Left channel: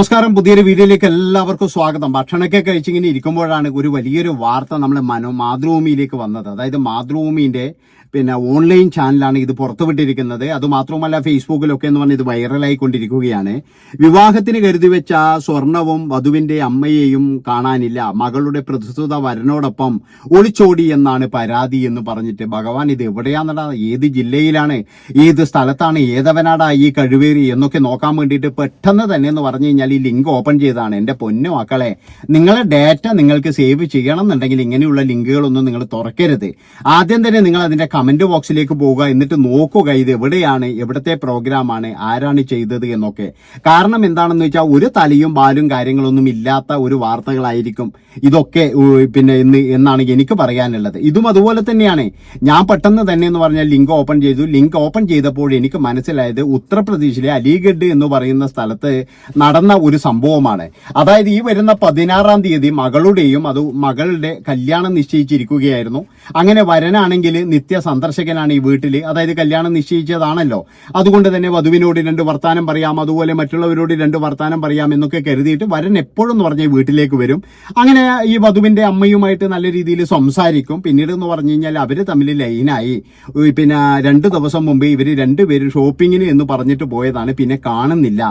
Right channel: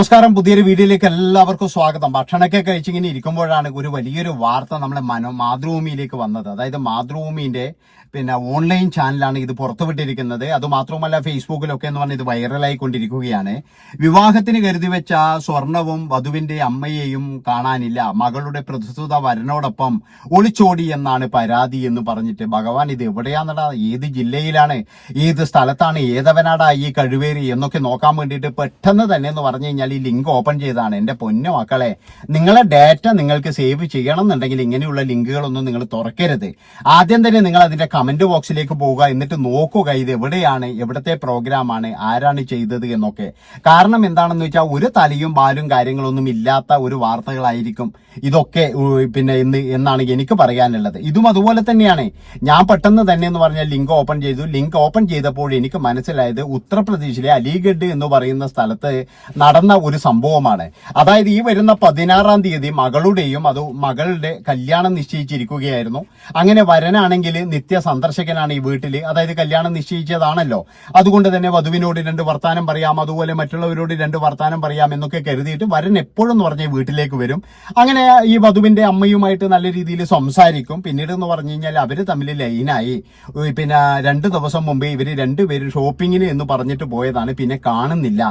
നമസ്കാരം. പുതിയൊരു വീഡിയോയിലേക്ക് എല്ലാവർക്കും സ്വാഗതം. ഭക്ഷണമൊക്കെ കഴിച്ചിങ്ങനെ ഇരിക്കുമ്പോഴാണ് ഒരു വലിയൊരു വാർത്ത നമ്മുടെ മനോ മാതൃഭൂമിയിലേക്ക് വന്നത്. അതായത് മാതൃഭൂമിന്റെ പിന്നെ ഓൺലൈൻ ചാനലാണ് ഇത് പുറത്തുവിട്ടിരിക്കുന്നത്. അത് മാത്രമല്ല ഫേസ്ബുക്കിലൊക്കെ എന്ന് പറഞ്ഞാൽ ഇത് വൈറലായിക്കൊണ്ടിരിക്കുകയാണ്. വിവാഹത്തിന് കരുതി വെച്ച സ്വർണവും വധുവിന്റെ അമ്മയെയും കാണാനില്ല. മകളുടെ പ്രസ്തുത വരനോടൊപ്പം ഒളിച്ചോടി എന്നാണ് പരാതി എന്ന് പറഞ്ഞിട്ട് ഭഗവാൻ ഇത് എവിടെയാണെടാ ഏത് ജില്ലയിലാണ്? ഏത് സ്ഥലത്താണ്? ഏതവനാടാ ഈ കഴിവേറി എന്നൊക്കെ നോക്കാൻ വേണ്ടിയിട്ട് പെട്ടെന്ന് തന്നെ എന്ന് പറഞ്ഞു കഴിഞ്ഞാൽ ഈ ലിങ്ക് ഓപ്പൺ ചെയ്താണ് എന്റെ പൊന്നു മക്കളെ നിങ്ങളെ ഡാറ്റ നിങ്ങൾക്ക് സേവ് ചെയ്യണം എന്നുണ്ടെങ്കിൽ ഇങ്ങനെയുള്ള ലിങ്കുകളൊന്നും നിങ്ങൾ തുറക്കരുത്. ആദ്യം തന്നെ നിങ്ങൾ അതിന്റെ കമന്റ് ബോക്സിലേക്ക് പോവുക. എന്നിട്ട് നോക്കുക ഇത് എവിടെയാണ് എവിടത്തെ പ്രോഗ്രാമാണ് ആരാണ് ചെയ്തത് എന്നൊക്കെ. കാരണം എന്താണെന്ന് വെച്ചാൽ ഒരു തലയും ബാലും കാര്യങ്ങളൊന്നും ഇല്ലാത്ത ഒരു വാർത്തകളായിരിക്കും ഇതൊക്കെ പിന്നെ എന്ന് എന്നാണ് എനിക്ക് പറയാനുള്ളത്. ഇതും അതുപോലെ തന്നെയാണ്. ഞാൻ പെട്ടെന്ന് തന്നെ എന്ന് പറഞ്ഞാൽ ലിങ്ക് ഓപ്പൺ ചെയ്തു. ലിങ്ക് ഓപ്പൺ ചെയ്തപ്പോൾ എനിക്ക് മനസ്സിലായത് ഉത്തർപ്രദേശിലെ അലിഗഡ് എന്ന് പറയുന്ന സ്ഥലത്ത് നടന്ന ഒരു സംഭവമാണ്. അതായത് ഈ വരുന്ന പതിനാറാം തീയതി മകളുടെയും അത് മകളുടെ കല്യാണം നിശ്ചയിച്ചിരിക്കുകയായിരുന്നു. അങ്ങനെ വരനാണെങ്കിൽ നിത്യ സന്ദർശകനാണ് ഈ വീട്ടിൽ അതായത് കല്യാണം നിശ്ചയിച്ചതാണല്ലോ. അതുകൊണ്ട് തന്നെ വധുവിനോട് രണ്ട് വർത്താനം പറയാം അതുപോലെ മറ്റുള്ളവരോട് രണ്ട് വർത്താനം പറയാം എന്നൊക്കെ കരുതിയിട്ട് വരൻ എപ്പോഴും എന്ന് പറഞ്ഞ വീട്ടിലേക്ക് വരും. അങ്ങനെ ഈ വധുവിന്റെ അമ്മയുമായിട്ട് നല്ല രീതിയിൽ സംസാരിക്കും. പിന്നീട് എന്ന് പറഞ്ഞു കഴിഞ്ഞാൽ അവർ തമ്മിൽ ലൈനായി. പിന്നെ രണ്ട് ദിവസം മുമ്പ് ഇവർ രണ്ടുപേരും ഷോപ്പിങ്ങിന് എന്ന് പറഞ്ഞിട്ട് പോയതാണ്. പിന്നെ കാണുന്നില്ല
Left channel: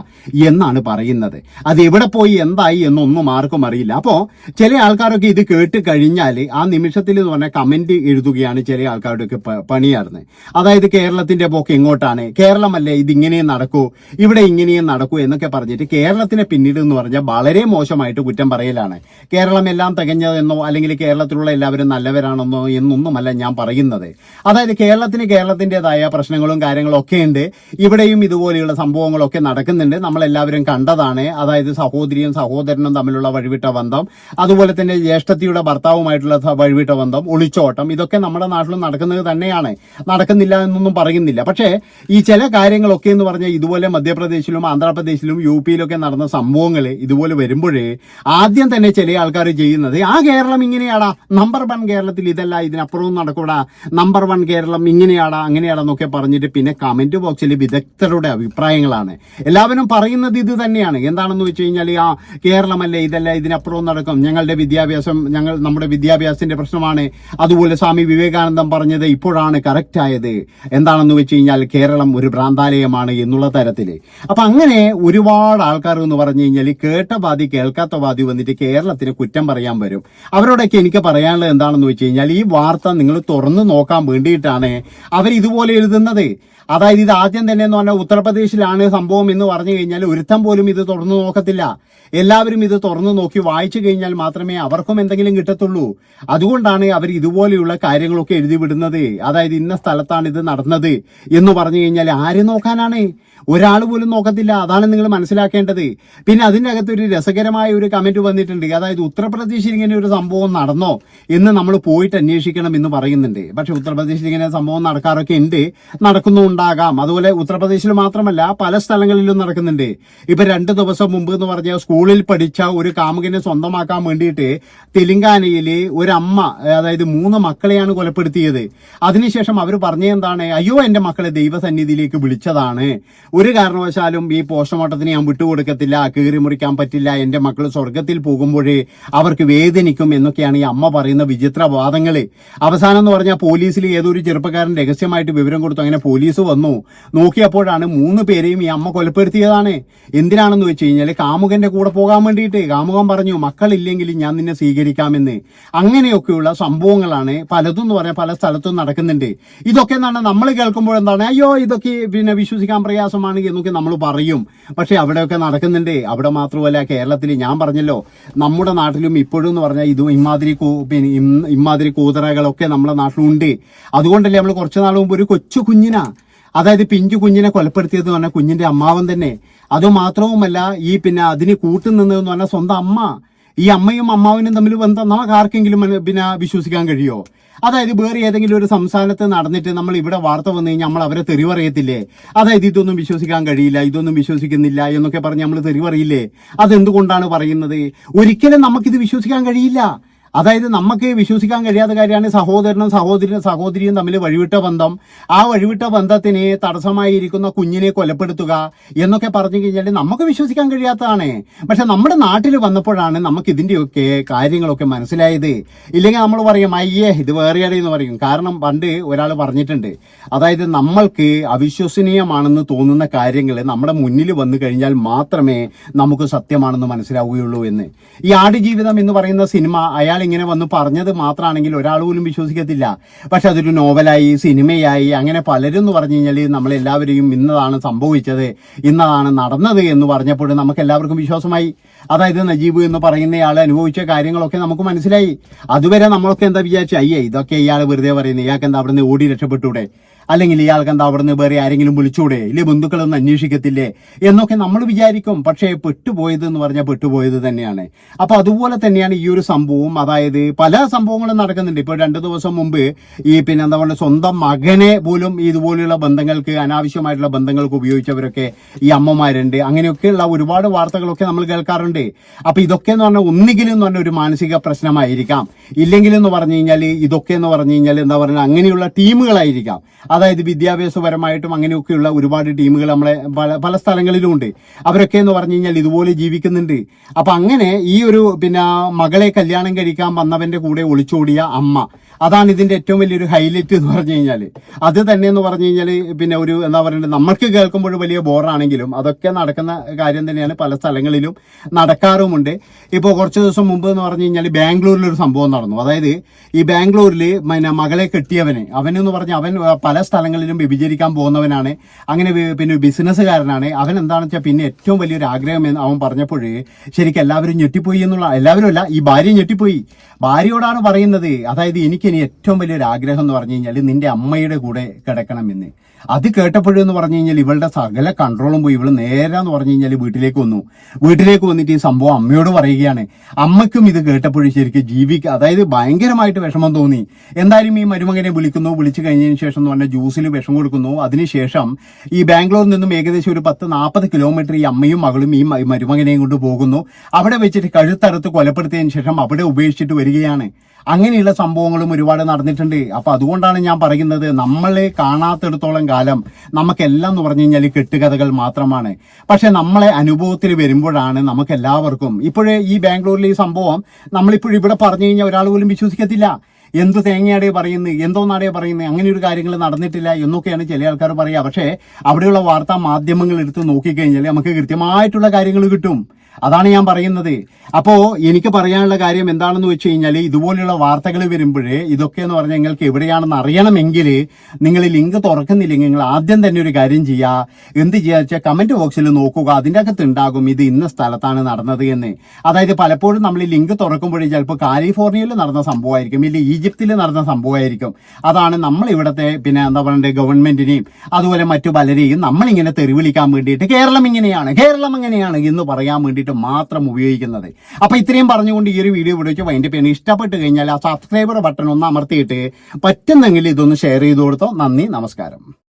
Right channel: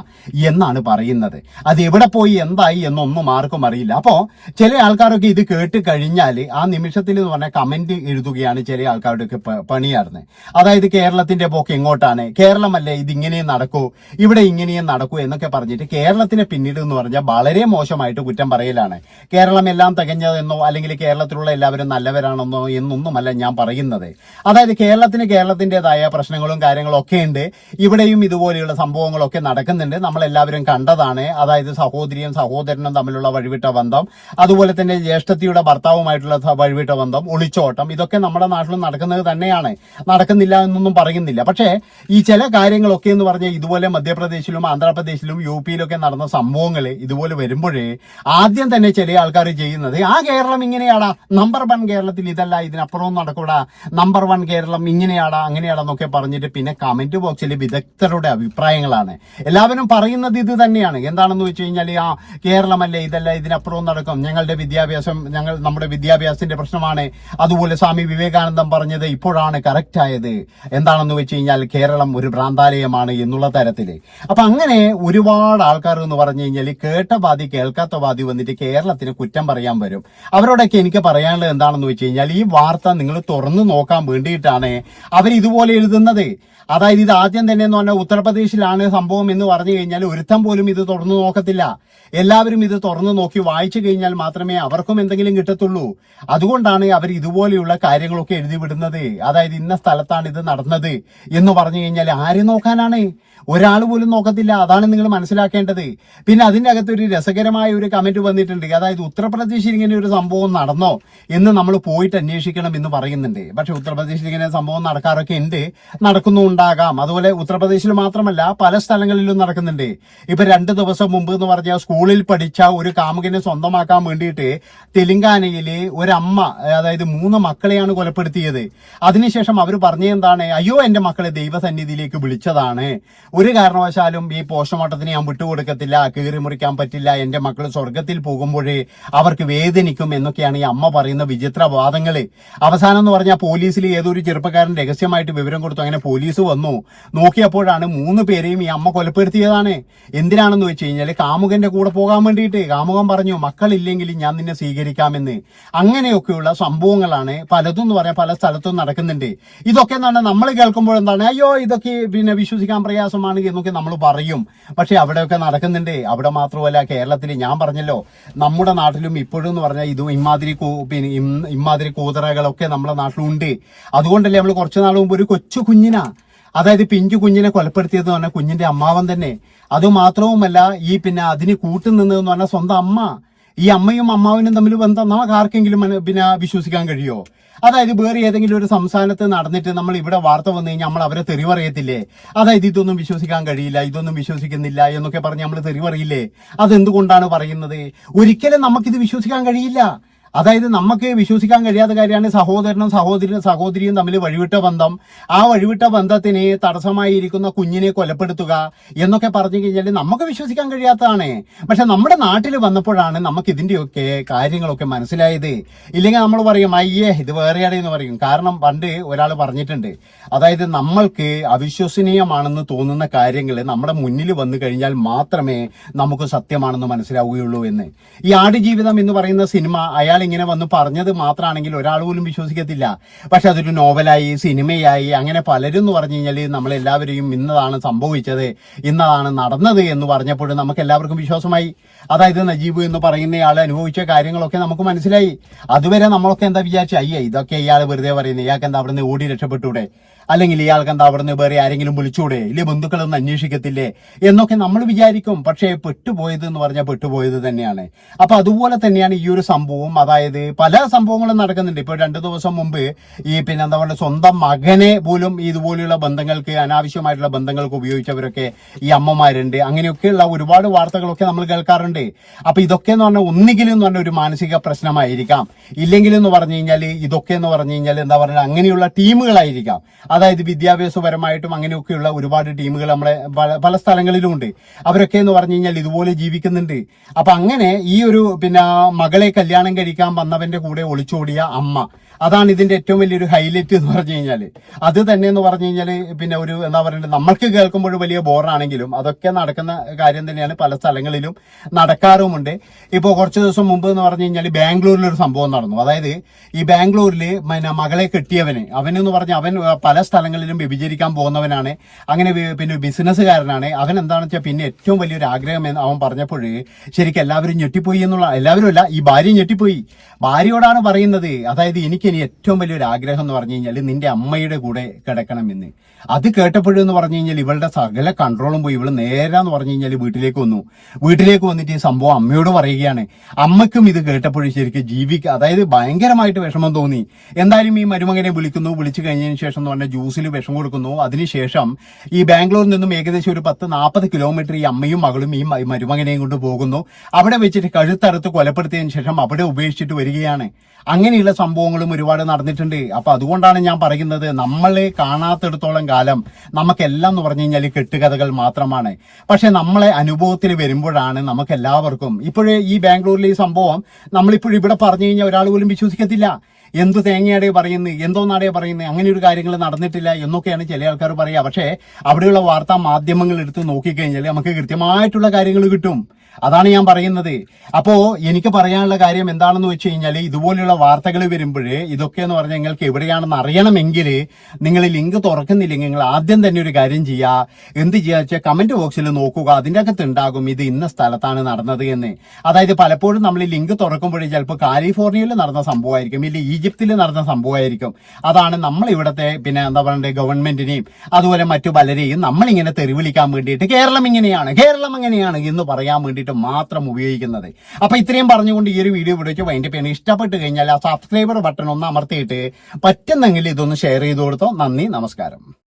എന്നാണ് പറയുന്നത്. അത് എവിടെ പോയി എന്തായി എന്നൊന്നും ആർക്കും അറിയില്ല. അപ്പോ ചില ആൾക്കാരൊക്കെ ഇത് കേട്ട് കഴിഞ്ഞാൽ ആ നിമിഷത്തിൽ എന്ന് പറഞ്ഞാൽ കമന്റ് എഴുതുകയാണ് ചില ആൾക്കാരുടെയൊക്കെ പണിയായിരുന്നത് അതായത് കേരളത്തിന്റെ പോക്ക് എങ്ങോട്ടാണ്? കേരളമല്ലേ ഇത് ഇങ്ങനെയും നടക്കൂ? ഇവിടെ ഇങ്ങനെയും നടക്കൂ എന്നൊക്കെ പറഞ്ഞിട്ട് കേരളത്തിനെ പിന്നീട് എന്ന് പറഞ്ഞാൽ വളരെ മോശമായിട്ട് കുറ്റം പറയലാണ്. കേരളം എല്ലാം തികഞ്ഞതെന്നോ അല്ലെങ്കിൽ കേരളത്തിലുള്ള എല്ലാവരും നല്ലവരാണെന്നോ എന്നൊന്നുമല്ല ഞാൻ പറയുന്നത്. അതായത് കേരളത്തിന് കേരളത്തിന്റെതായ പ്രശ്നങ്ങളും കാര്യങ്ങളും ഒക്കെ ഉണ്ട്. ഇവിടെയും ഇതുപോലെയുള്ള സംഭവങ്ങളൊക്കെ നടക്കുന്നുണ്ട്. നമ്മൾ എല്ലാവരും കണ്ടതാണ്. അതായത് സഹോദരിയും സഹോദരനും തമ്മിലുള്ള വഴിവിട്ട ബന്ധം. അതുപോലെ തന്നെ ജ്യേഷ്ഠത്തിയുടെ ഭർത്താവുമായിട്ടുള്ള വഴിവിട്ട ബന്ധം. ഒളിച്ചോട്ടം ഇതൊക്കെ നമ്മുടെ നാട്ടിൽ നടക്കുന്നത് തന്നെയാണ്. നടക്കുന്നില്ല എന്നൊന്നും പറയുന്നില്ല. പക്ഷേ ഈ ചില കാര്യങ്ങളൊക്കെ എന്ന് പറഞ്ഞാൽ ഇതുപോലെ മധ്യപ്രദേശിലും ആന്ധ്രാപ്രദേശിലും യു പിയിലൊക്കെ നടന്ന സംഭവങ്ങൾ ഇതുപോലെ വരുമ്പോഴേ ആദ്യം തന്നെ ചില ആൾക്കാർ ചെയ്യുന്നത് ആ കേരളം ഇങ്ങനെയാടാ നമ്പർ വൺ കേരളത്തിൽ ഇതല്ല ഇതിനപ്പുറവും നടക്കൂടാ നമ്പർ വൺ കേരളം ഇങ്ങനെയാടാ അങ്ങനെയാണെന്നൊക്കെ പറഞ്ഞിട്ട് പിന്നെ കമന്റ് ബോക്സിൽ വിദഗ്ധരുടെ അഭിപ്രായങ്ങളാണ്. എല്ലാവരും പറയുന്നത് ഇത് തന്നെയാണ്. എന്താണെന്ന് വെച്ച് കഴിഞ്ഞാൽ ആ കേരളമല്ലേ ഇതല്ല ഇതിനപ്പുറവും നടക്കും. ഞങ്ങളുടെ വിദ്യാഭ്യാസം ഞങ്ങൾ നമ്മുടെ വിദ്യാഭ്യാസത്തിന്റെ പ്രശ്നമാണ്. അതുപോലെ സ്വാമി വിവേകാനന്ദം പറഞ്ഞത് ഇപ്പോഴാണ് കറക്റ്റ് ആയത്. എന്താണെന്ന് വെച്ച് കഴിഞ്ഞാൽ കേരളം ഒരു ഭ്രാന്താലയമാണ് എന്നുള്ള തരത്തിൽ അപ്പൊ അങ്ങനെ ഒരുപാട് ആൾക്കാർ എന്ന് പറഞ്ഞു കഴിഞ്ഞാൽ കേട്ട ബാധി കേൾക്കാത്ത ബാധി വന്നിട്ട് കേരളത്തിന് കുറ്റം പറയാൻ വരും. അവരോടൊക്കെ എനിക്ക് പറയാനുള്ളത് എന്താണെന്ന് വെച്ച് കഴിഞ്ഞാൽ ഈ വാർത്ത നിങ്ങൾ തുറന്നു നോക്കാൻ വേണ്ടിയിട്ടാണ് അവർ ഇതുപോലെ എഴുതുന്നത്. അതായത് ഇത് ആദ്യം തന്നെ എന്ന് പറഞ്ഞാൽ ഉത്തർപ്രദേശിലാണ് സംഭവം എന്ന് പറഞ്ഞു കഴിഞ്ഞാൽ ഒരുത്തം പോലും ഇത് തുറന്നു നോക്കത്തില്ല. എല്ലാവരും ഇത് തുറന്നു നോക്കി വായിച്ചു കഴിഞ്ഞാൽ മാത്രമേ അവർക്കും എന്തെങ്കിലും കിട്ടത്തുള്ളൂ. അതുകൊണ്ടാണ് അവർ ഇതുപോലെയുള്ള കാര്യങ്ങളൊക്കെ എഴുതി വിടുന്നത്. അതായത് ഇന്ന സ്ഥലത്താണ് ഇത് നടന്നത് എന്ന് പറഞ്ഞു കഴിഞ്ഞാൽ ആര് നോക്കാനാണ്? ഒരാൾ പോലും നോക്കത്തില്ല. അതാണ് നിങ്ങൾ മനസ്സിലാക്കേണ്ടത്. പിന്നെ അതിന്റെ അകത്ത് ഒരു രസകരമായ ഒരു കമന്റ് വന്നിട്ടുണ്ട്. അതായത് ഉത്തർപ്രദേശിൽ ഇങ്ങനെ ഒരു സംഭവം നടന്നോ എന്ന് നമ്മൾ പോയിട്ട് അന്വേഷിക്കണം എന്ന് പറയുന്നുണ്ട്. പക്ഷെ ഉത്തർപ്രദേശിൽ ഇങ്ങനെ സംഭവം നടക്കാറൊക്കെ ഉണ്ട്. നടക്കുന്നുണ്ടാകാം അതുപോലെ ഉത്തർപ്രദേശിൽ മാത്രമല്ല പല സ്ഥലങ്ങളിലും നടക്കുന്നുണ്ട്. ഇപ്പൊ രണ്ടു ദിവസം മുമ്പ് എന്ന് പറഞ്ഞാൽ സ്കൂളിൽ പഠിച്ച ഒരു കാമുകനെ സ്വന്തമാക്കാൻ വേണ്ടിയിട്ട് തെലങ്കാനയിൽ ഒരമ്മ അതായത് മൂന്ന് മക്കളെയാണ് കൊലപ്പെടുത്തിയത്. അതിനുശേഷം അവർ പറഞ്ഞ എന്താണ്? അയ്യോ എന്റെ മക്കളെ ദൈവസന്നിധിയിലേക്ക് വിളിച്ചതാണ്. ഒരു കാരണവശാലും ഈ പോസ്റ്റ്മോർട്ടത്തിന് ഞാൻ വിട്ടുകൊടുക്കത്തില്ല കീറി മുറിക്കാൻ പറ്റില്ല എന്റെ മക്കൾ സ്വർഗത്തിൽ പോകുമ്പോഴേ അവർക്ക് വേദനിക്കും എന്നൊക്കെയാണ് ഈ അമ്മ പറയുന്ന വിചിത്ര വാദങ്ങൾ അവസാനം എന്ന് പറഞ്ഞാൽ പോലീസിൽ ഏതോ ഒരു ചെറുപ്പക്കാരൻ രഹസ്യമായിട്ട് വിവരം കൊടുത്തു. അങ്ങനെ പോലീസ് വന്നു. നോക്കിയപ്പോഴാണ് മൂന്ന് പേരെയും ഈ അമ്മ കൊലപ്പെടുത്തിയതാണ്. എന്തിനാണെന്ന് വെച്ച് കഴിഞ്ഞാൽ കാമുകന്റെ കൂടെ പോകാൻ വേണ്ടിയിട്ട്. കാമുകൻ പറഞ്ഞു മക്കളില്ലെങ്കിൽ ഞാൻ നിന്നെ സ്വീകരിക്കാമെന്ന്. അങ്ങനെയൊക്കെയുള്ള സംഭവങ്ങളാണ് പലതും എന്ന് പറയാൻ പല സ്ഥലത്തും നടക്കുന്നുണ്ട്. ഇതൊക്കെ എന്താണ്? നമ്മൾ കേൾക്കുമ്പോൾ എന്താണ്? അയ്യോ ഇതൊക്കെ പിന്നെ വിശ്വസിക്കാൻ പ്രയാസമാണ് എന്നൊക്കെ നമ്മൾ പറയും. പക്ഷെ അവിടെയൊക്കെ നടക്കുന്നുണ്ട്. അവിടെ മാത്രമല്ല കേരളത്തിൽ ഞാൻ പറഞ്ഞല്ലോ നമ്മുടെ നാട്ടിലും ഇപ്പോഴും എന്ന് പറഞ്ഞാൽ ഇതും ഇമാതിരി പിന്നെ ഇമാതിരി കൂതറകളൊക്കെ നമ്മുടെ നാട്ടിലുണ്ട്. അതുകൊണ്ടല്ലേ നമ്മൾ കുറച്ച് നാൾ മുമ്പ് ഒരു കൊച്ചു കുഞ്ഞിനാ അതായത് പിഞ്ചു കുഞ്ഞിനെ കൊലപ്പെടുത്തിയത് എന്ന് പറഞ്ഞാൽ കുഞ്ഞിന്റെ അമ്മാവൻ തന്നെ. അതുമാത്രവുമല്ല ഈ പിന്നെ അതിന് കൂട്ടുനിന്നതെന്ന് പറഞ്ഞാൽ സ്വന്തം അമ്മ. ഈ അമ്മയും അമ്മാവനും തമ്മിൽ ബന്ധം നമുക്ക് ആർക്കെങ്കിലും പിന്നെ വിശ്വസിക്കാൻ കഴിയുമോ അതായത് വേറെ ഏതെങ്കിലും ഒരു സംസ്ഥാനത്ത് നടന്നിട്ട് നമ്മൾ ഇവിടെ വാർത്ത വന്നു കഴിഞ്ഞാൽ നമ്മൾ അവരെ തെറി പറയത്തില്ലേ അതായത് ഇതൊന്നും വിശ്വസിക്കാൻ കഴിയില്ല ഇതൊന്നും വിശ്വസിക്കുന്നില്ല എന്നൊക്കെ പറഞ്ഞ് നമ്മൾ തെറി പറയില്ലേ അതെന്തുകൊണ്ടാണ് പറയുന്നത്? ഒരിക്കലും നമുക്കിത് വിശ്വസിക്കാൻ കഴിയില്ല. അതായത് നമുക്ക് വിശ്വസിക്കാൻ കഴിയാത്ത കാര്യമാണ് സഹോദരനും സഹോദരനും സഹോദരിയും തമ്മിൽ വഴിവിട്ട ബന്ധം. ആ വഴിവിട്ട ബന്ധത്തിന് തടസ്സമായിരിക്കുന്ന കുഞ്ഞിനെ കൊലപ്പെടുത്തുക എന്നൊക്കെ പറഞ്ഞു കഴിഞ്ഞാൽ നമുക്ക് വിശ്വസിക്കാൻ കഴിയാത്തതാണ്. പക്ഷെ നമ്മുടെ നാട്ടിൽ വന്നപ്പോഴാണ് നമുക്ക് ഇതിന്റെയൊക്കെ കാര്യങ്ങളൊക്കെ മനസ്സിലായത്. ഇല്ലെങ്കിൽ നമ്മൾ പറയും അയ്യേ ഇത് വേറെയാണ് എന്ന് പറയും. കാരണം പണ്ട് ഒരാൾ പറഞ്ഞിട്ടുണ്ട് അതായത് നമ്മൾക്ക് അവിശ്വസനീയമാണെന്ന് തോന്നുന്ന കാര്യങ്ങൾ നമ്മുടെ മുന്നിൽ വന്നു കഴിഞ്ഞാൽ മാത്രമേ നമുക്ക് സത്യമാണെന്ന് മനസ്സിലാവുകയുള്ളൂ എന്ന്. ഈ ആടുജീവിതം എന്ന് പറയുന്ന സിനിമ അയാൾ ഇങ്ങനെ വന്ന് പറഞ്ഞത് മാത്രമാണെങ്കിൽ ഒരാൾ പോലും വിശ്വസിക്കത്തില്ല. പക്ഷെ അതൊരു നോവലായി സിനിമയായി അങ്ങനെ പലരും എന്ന് പറഞ്ഞു കഴിഞ്ഞാൽ നമ്മളെല്ലാവരെയും ഇന്നതാണ് സംഭവിച്ചത് ഇന്നതാണ് നടന്നത് എന്ന് പറഞ്ഞപ്പോൾ നമുക്ക് എല്ലാവർക്കും വിശ്വാസമായി. അതായത് നജീബ് എന്ന് പറയുന്നയാൾ അനുഭവിച്ച കാര്യങ്ങളൊക്കെ നമുക്ക് മനസ്സിലായി. അതുവരെ നമ്മളൊക്കെ എന്താ വിചാരിച്ചു? അയ്യേ ഇതൊക്കെ ഇയാൾ വെറുതെ പറയുന്നത് ഇയാൾക്ക് എന്താ അവിടുന്ന് ഓടി രക്ഷപ്പെട്ടൂടെ? അല്ലെങ്കിൽ ഇയാൾക്ക് എന്താ അവിടുന്ന് വേറെ ആരെങ്കിലും വിളിച്ചൂടെ? ഇല്ലേ ബന്ധുക്കളൊന്നും അന്വേഷിക്കത്തില്ലേ? എന്നൊക്കെ നമ്മൾ വിചാരിക്കും. പക്ഷേ പെട്ടുപോയത് എന്ന് പറഞ്ഞാൽ പെട്ടുപോയത് തന്നെയാണ്. അപ്പൊ അതുപോലെ തന്നെയാണ് ഈ ഒരു സംഭവം അതായത് പല സംഭവങ്ങളും നടക്കുന്നുണ്ട്. ഇപ്പൊ രണ്ടു ദിവസം മുമ്പ് ഈ പിന്നെ എന്താ പറയുക സ്വന്തം മകനെ പോലും ഇതുപോലെയുള്ള ബന്ധങ്ങൾക്ക് അനാവശ്യമായിട്ടുള്ള ബന്ധങ്ങൾക്ക് ഉപയോഗിച്ചവരൊക്കെ ഈ അമ്മമാരുണ്ട്. അങ്ങനെയൊക്കെയുള്ള ഒരുപാട് വാർത്തകളൊക്കെ നമ്മൾ കേൾക്കാറുണ്ട്. അപ്പൊ ഇതൊക്കെ എന്ന് പറഞ്ഞാൽ ഒന്നുകിലും എന്ന് പറഞ്ഞ ഒരു മാനസിക പ്രശ്നമായിരിക്കാം. ഇല്ലെങ്കിലും എന്ന് പറഞ്ഞു കഴിഞ്ഞാൽ ഇതൊക്കെ എന്ന് പറഞ്ഞു കഴിഞ്ഞാൽ എന്താ പറയുക അങ്ങനെയുള്ള ടീമുകളായിരിക്കാം. അതായത് വിദ്യാഭ്യാസപരമായിട്ടും അങ്ങനെയൊക്കെയുള്ള ഒരുപാട് ടീമുകൾ നമ്മളെ പല പല സ്ഥലങ്ങളിലും ഉണ്ട് അവരൊക്കെ എന്ന് പറഞ്ഞു കഴിഞ്ഞാൽ ഇതുപോലെ ജീവിക്കുന്നുണ്ട്. അപ്പൊ അങ്ങനെ ഈ ഒരു പിന്നെ മകളെ കല്യാണം കഴിക്കാൻ വന്നവന്റെ കൂടെ ഒളിച്ചോടിയ അമ്മ അതാണ് ഇതിന്റെ ഏറ്റവും വലിയൊരു ഹൈലൈറ്റ് എന്ന് പറഞ്ഞു കഴിഞ്ഞാൽ അത് തന്നെ എന്ന് പറഞ്ഞു കഴിഞ്ഞാൽ പിന്നെ ഒരു എന്താ പറയുക നമ്മൾക്ക് കേൾക്കുമ്പോൾ വലിയ ബോറാണെങ്കിലും അതൊക്കെ നടക്കുന്ന കാര്യം തന്നെയാണ് പല സ്ഥലങ്ങളിലും നടക്കാറുമുണ്ട്. ഇപ്പോൾ കുറച്ച് ദിവസം മുമ്പ് എന്ന് പറഞ്ഞു കഴിഞ്ഞാൽ ബാംഗ്ലൂരിൽ ഒരു സംഭവം നടന്നു. അതായത് ഈ ബാംഗ്ലൂരിൽ പിന്നെ മകളെ കെട്ടിയവന് അവനെന്ന് പറഞ്ഞാൽ അവൻ പല സ്ഥലങ്ങളിലും വ്യഭിചരിക്കാൻ പോകുന്നവനാണ്. അങ്ങനെ പിന്നെ ബിസിനസ്സുകാരനാണ്. അവൻ എന്താണെന്ന് വെച്ചാൽ പിന്നെ ഏറ്റവും വലിയൊരു ആഗ്രഹം എന്ന് അവൻ പറഞ്ഞപ്പോൾ ശരിക്കും എല്ലാവരും ഞെട്ടിപ്പോയി എന്നുള്ള എല്ലാവരും അല്ല ഈ ഭാര്യ ഞെട്ടിപ്പോയി. ഭാര്യയോടാണ് പറയുന്നത് അതായത് എനിക്ക് ഇനി ഏറ്റവും വലിയൊരു ആഗ്രഹം എന്ന് പറഞ്ഞു കഴിഞ്ഞാൽ നിന്റെ അമ്മയുടെ കൂടെ കിടക്കണമെന്ന്. അത് കേട്ടപ്പോഴെന്ന് പറഞ്ഞു കഴിഞ്ഞാൽ ഇവളുടെ സകല കൺട്രോളും പോയി. ഇവൾ നേരാന്ന് പറഞ്ഞു കഴിഞ്ഞാൽ വീട്ടിലേക്ക് വന്നു. വീട്ടിലേക്ക് വന്നിട്ട് ഈ സംഭവം അമ്മയോട് പറയുകയാണ്. അമ്മയ്ക്കും ഇത് കേട്ടപ്പോഴും ശരിക്കും ജീവിക്കുക അതായത് ഭയങ്കരമായിട്ട് വിഷമം തോന്നി. എന്തായാലും ഈ മരുമകനെ വിളിക്കുന്നു. വിളിച്ചു കഴിഞ്ഞതിന് ശേഷം എന്ന് പറഞ്ഞാൽ ജ്യൂസിൽ വിഷം കൊടുക്കുന്നു. അതിനുശേഷം ഈ ബാംഗ്ലൂരിൽ നിന്നും ഏകദേശം ഒരു പത്ത് നാൽപ്പത് കിലോമീറ്റർ ഈ അമ്മയും മകളും ഈ മരുമകനെയും കൊണ്ട് പോകുന്നു. അവിടെ വെച്ചിട്ട് കഴുത്തറുത്ത് കൊലപ്പെടുത്തിയതിന് ശേഷം അവിടെ ഉപേക്ഷിച്ചിട്ട് വരികയാണ്. അങ്ങനെയുള്ള സംഭവങ്ങളും ഒരുപാട് നടന്നിട്ടുണ്ട്. അപ്പൊ അതുകൊണ്ടാണ് ഞാൻ പറയുന്നത് നമ്മളെ കാണാത്തിടത്തോളം കാലം നമുക്കെല്ലാം എന്ന് പറഞ്ഞു കഴിഞ്ഞാൽ കെട്ടുകഥകൾ മാത്രമാണ്. പക്ഷെ നമ്മളെ അനുഭവത്തിൽ വരുമ്പോഴാണ് നമുക്ക് എല്ലാവർക്കും ഇപ്പോഴേ ഈ ബാംഗ്ലൂരിലെ ഈ സംഭവം നമ്മളിപ്പോഴും ഇവിടെ പറഞ്ഞു കഴിഞ്ഞാൽ ഒരാൾ പോലും വിശ്വസിക്കത്തില്ല. എന്ത് തേങ്ങയാടേ പറയുന്നത് എന്തോന്നാടേ പറയുന്നത് അങ്ങനെ ഒരു കാര്യങ്ങൾ നടന്നിട്ടില്ല എന്നൊക്കെയാണ് ചില ആൾക്കാർ പറയുക. പക്ഷേ അവിടെയുള്ള വാർത്താ മാധ്യമങ്ങൾ എടുത്ത് നോക്കിക്കഴിഞ്ഞാൽ നമുക്ക് കൃത്യമായിട്ടുള്ള കാര്യങ്ങൾ കിട്ടും. അതാണ് ഞാൻ പറയുന്നത്. അപ്പോ എനിക്ക് പറയാനുള്ള കാര്യം എന്താണെന്ന് വെച്ച് കഴിഞ്ഞാൽ ഇതുപോലെയുള്ള വാർത്തകൾ വരുമ്പോൾ ഇതൊക്കെ എന്ന് പറഞ്ഞാൽ നിങ്ങൾക്ക് എവിടെയാണെന്ന് അറിയണമെങ്കിൽ നിങ്ങൾ ലിങ്ക് തുറക്കുന്നില്ലെങ്കിൽ നിങ്ങൾ ആദ്യം തന്നെ ഒരു കാര്യം ചെയ്യുക എന്ത് ചെയ്യുക വെച്ചാൽ കമന്റ് ബോക്സിൽ നോക്കുക. അതിന്റെ അകത്ത് ഉണ്ടാകും ഇത് ഇന്ന സ്ഥലത്താണ് നടന്നത് എന്ന്. അതായത് പലപ്പോഴും നമ്മൾ ലിങ്ക് തുറക്കുമ്പോഴേ ചിലപ്പോൾ കാലിഫോർണിയയിൽ നടന്ന സംഭവമായിരിക്കും. ഇല്ല ഈജിപ്തിൽ നടന്ന സംഭവമായിരിക്കും. അതാണ് നമ്മൾ ഇവിടുത്തെ പിന്നെ എന്താ പറയണ്ടേ ഗവൺമെന്റിനെയും അതുപോലെ മറ്റു പലരെയും നമ്മളിങ്ങനെ തെരുവിളിക്കാൻ വേണ്ടിയിട്ട് കേരളം ഇങ്ങനെയാണ് കേരളം എങ്ങനെയാണ് എന്ന് പറയാൻ വേണ്ടിയിട്ട് മാത്രം ഉപയോഗിക്കുന്നത്. അപ്പോൾ ഇത്രയും പറഞ്ഞുകൊണ്ട് ഈ ഒരു വീഡിയോ ഇവിടെ വൈൻഡ് ചെയ്യണം. ഇഷ്ടപ്പെട്ട് കഴിഞ്ഞാൽ ആ സബ്സ്ക്രൈബർ ബട്ടൺ ഒന്ന് അമർത്തിയിട്ട് പറ്റുന്നെങ്കിൽ ഇതൊന്ന് ഷെയർ ചെയ്ത് കൊടുത്തോ. നന്ദി നമസ്കാരം.